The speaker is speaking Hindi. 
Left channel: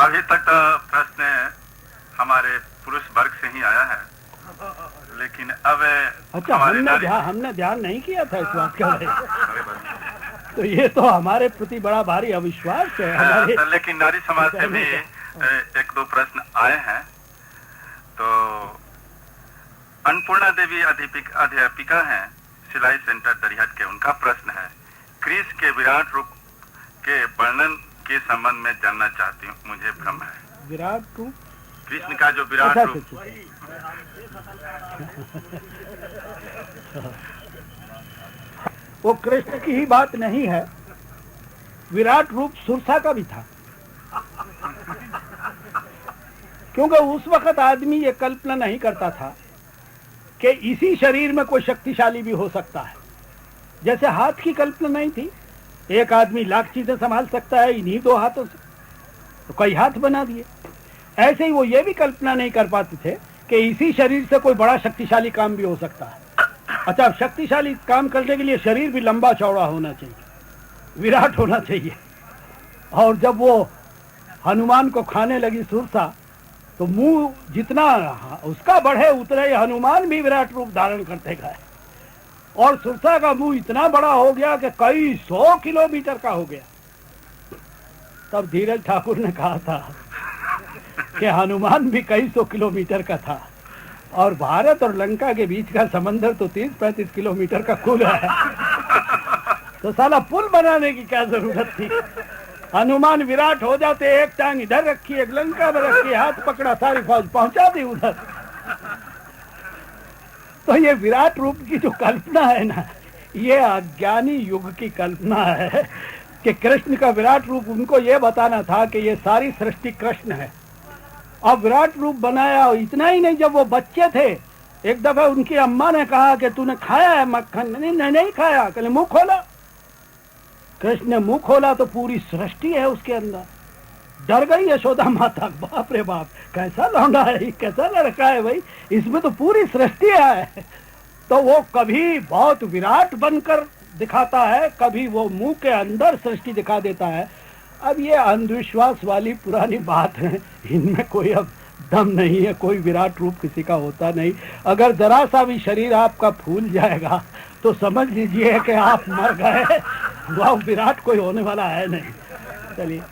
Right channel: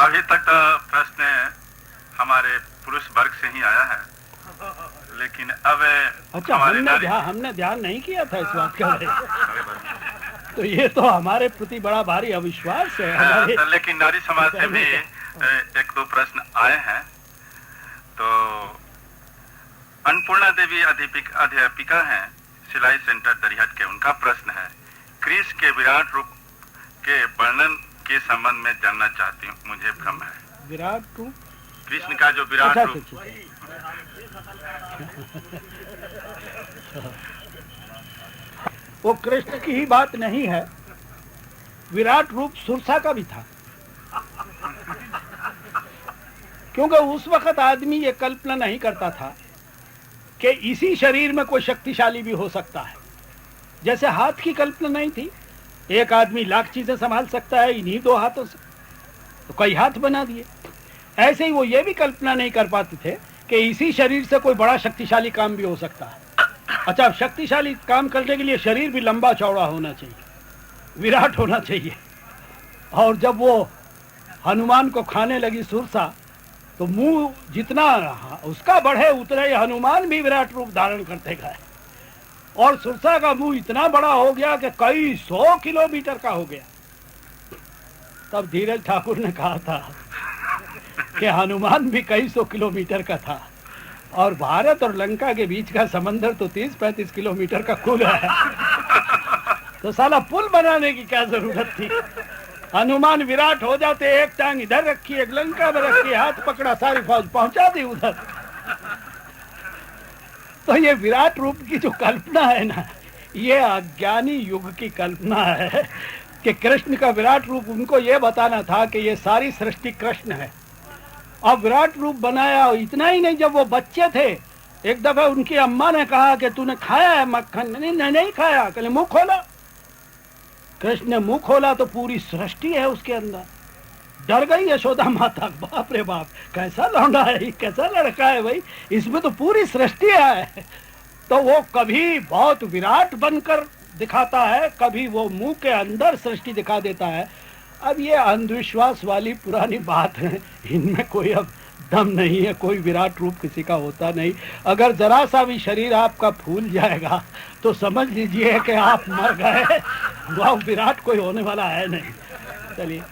अभी तक तो प्रश्न हमारे पुरुष वर्ग से ही आया है, लेकिन अब अच्छा, हमने ध्यान नहीं किया था इस बात का। तो ये तो हमारे प्रति बड़ा भारी अविश्वास है हमारे। लेकिन नारी समाज से भी एक दो प्रश्न आए हैं। तो अन्नपूर्णा देवी अध्यापिका हैं सिलाई सेंटर दरिहट के, उनका प्रश्न है, कृष्ण के विराट रूप के वर्णन के संबंध में जानना चाहती हूँ, मुझे भ्रम है। विराट रूप, कृष्ण का जो विराट रूप। वो कृष्ण की ही बात नहीं है, विराट रूप सुरसा का भी था। क्योंकि उस वक्त आदमी ये कल्पना नहीं करता था कि इसी शरीर में कोई शक्तिशाली भी हो सकता है। जैसे हाथ की कल्पना नहीं थी, एक आदमी लाख चीजें संभाल सकता है इन्हीं दो हाथों से, तो कई हाथ बना दिए। ऐसे ही वो ये भी कल्पना नहीं कर पाते थे कि इसी शरीर से कोई बड़ा शक्तिशाली काम भी हो सकता है। अच्छा, अब शक्तिशाली काम करने के लिए शरीर भी लंबा चौड़ा होना चाहिए, विराट होना चाहिए। और जब वो हनुमान को खाने लगी सुरसा, तो मुंह जितना उसका बढ़े उतना ही हनुमान भी विराट रूप धारण करते गए। और सुरसा का मुंह इतना बड़ा हो गया कि कई 100 किलोमीटर का हो गया। तब धीरज ठाकुर ने कहा था कि हनुमान भी कई 100 किलोमीटर का था, और भारत और लंका के बीच का समंदर तो 30-35 किलोमीटर का कुल है। तो साला पुल बनाने की क्या जरूरत थी? हनुमान विराट हो जाते, एक टांग इधर रखी, एक लंका में रखी, हाथ पकड़ा, सारी फौज पहुंचा दी उधर। तो ये विराट रूप की जो कल्पना है ना, ये अज्ञानी युग की कल्पना है कि कृष्ण का विराट रूप, उनको ये बताना था कि ये सारी सृष्टि कृष्ण है। अब विराट रूप बनाया। इतना ही नहीं, जब वो बच्चे थे, एक दफा उनकी अम्मा ने कहा कि तूने खाया है मक्खन? नहीं खाया। कहले मुंह खोला। कृष्ण ने मुंह खोला तो पूरी सृष्टि है उसके अंदर। डर गई यशोदा माता, बाप रे बाप, कैसा लौंडा है, कैसा लड़का है भाई, इसमें तो पूरी सृष्टि है। तो वो कभी बहुत विराट बनकर दिखाता है, कभी वो मुंह के अंदर सृष्टि दिखा देता है। अब ये अंधविश्वास वाली पुरानी बात है, इनमें कोई अब दम नहीं है, कोई विराट रूप किसी का होता नहीं। अगर जरा सा भी शरीर आपका फूल जाएगा तो समझ लीजिए कि आप मर गए, वह विराट कोई होने वाला है नहीं। चलिए।